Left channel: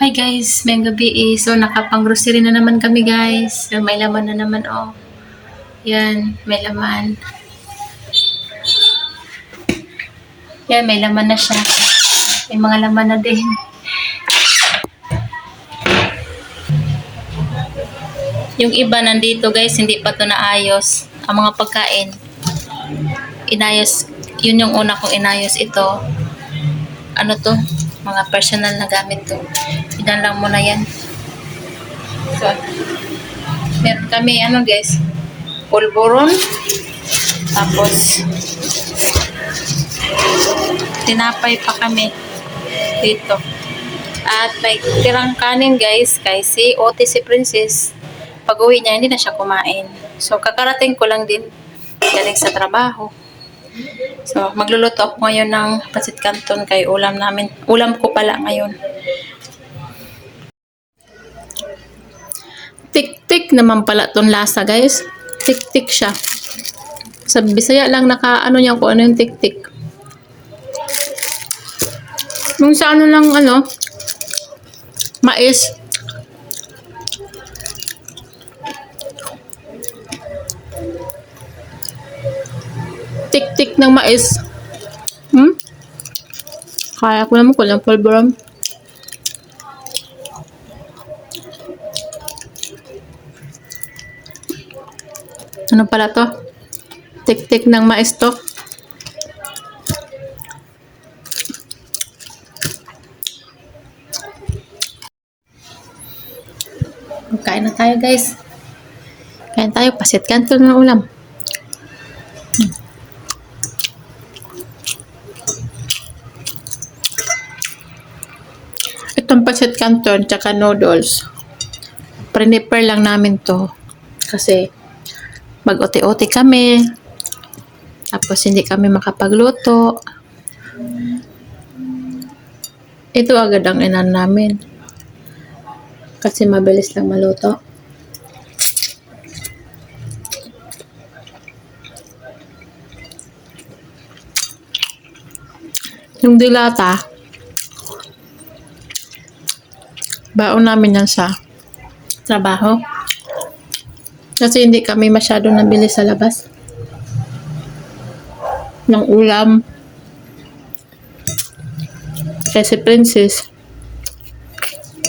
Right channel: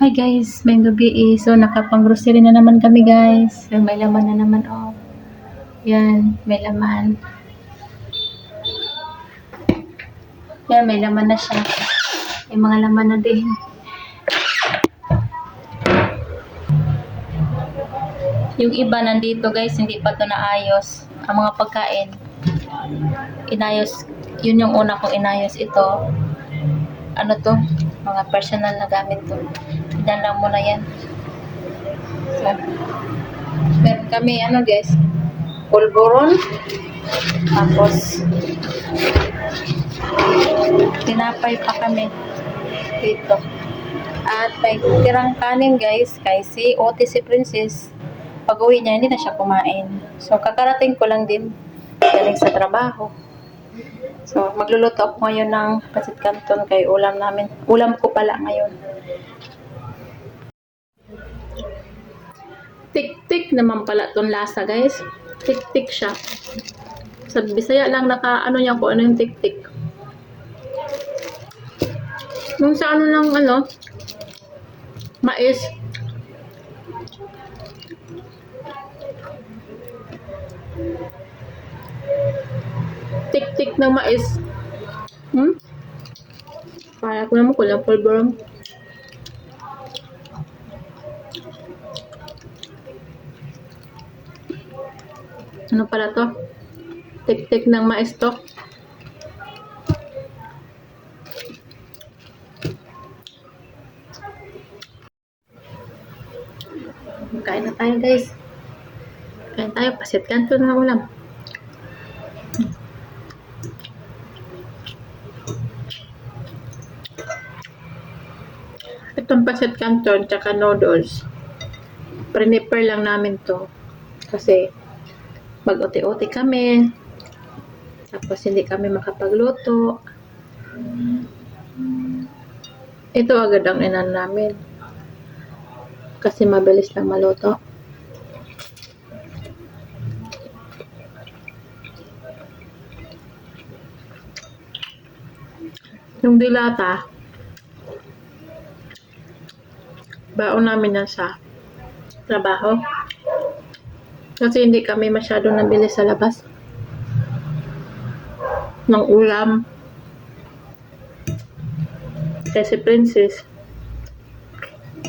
Hi guys, may gabi so nakapang-grocery na naman kami guys. So, may laman na naman oh. Yan, may laman. Yan, may laman na siya. May mga laman na din. Yung iba nandito guys, hindi pa to naayos. Ang mga pagkain, inayos. Yun yung una kong inayos ito. Ano to? Mga personal na gamit to. Ilan lang muna yan. So, meron kami ano guys, pulburon. Tapos, tinapay pa kami dito. At may tirang kanin guys, kay si Princess. Pag uwi niya, hindi na siya kumain. So, kakarating ko lang din galing sa trabaho. So, magluluto ako ngayon ng pancit canton kay ulam namin. Ulam ko pala ngayon. Tik-tik naman pala ton lasa guys. Tik-tik siya. Sa Bisaya lang ano niya kung ano yung tik-tik. Yung sa ano lang mais. Tik-tik ng mais. Kaya ko naman kulang pulburon. Ano pala to? Tik-tik ng mais to. Kain na tayo guys. Kain tayo. Pancit canton na ulam. Itong pancit canton tsaka noodles. Prepare lang namin to. Kasi mag-ote-ote kami. Tapos hindi kami makapagluto. Ito agad ang inan namin. Kasi mabilis lang maluto. Yung dilata, baon namin yan sa trabaho. Kasi hindi kami masyado nabili sa labas ng ulam. Kasi Princess,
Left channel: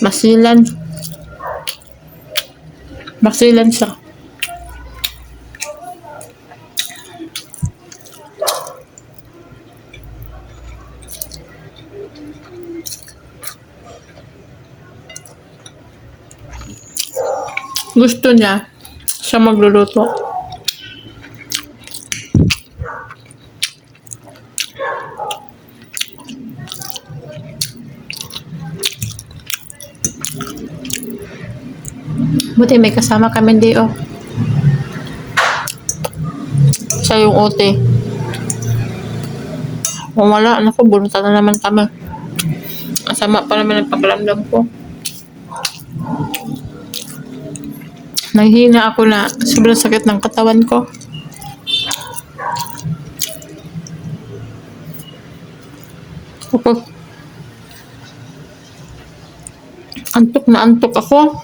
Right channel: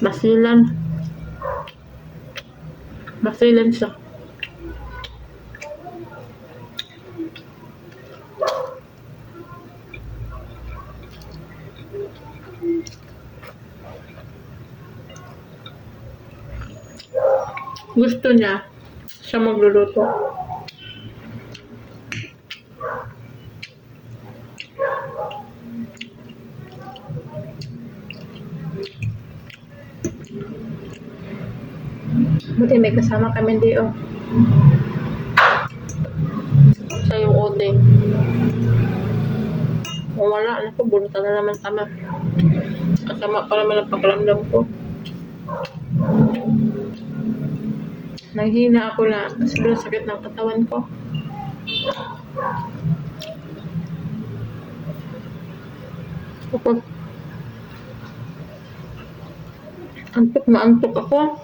masilan siya. Gusto niya siya magluluto. Buti may kasama kami di oh. Siya yung ote. Kung wala, naku, bunta na naman kami. Asama pa naman ang pakiramdam ko. Nanghina ako na sobrang sakit ng katawan ko. Antok na antok ako.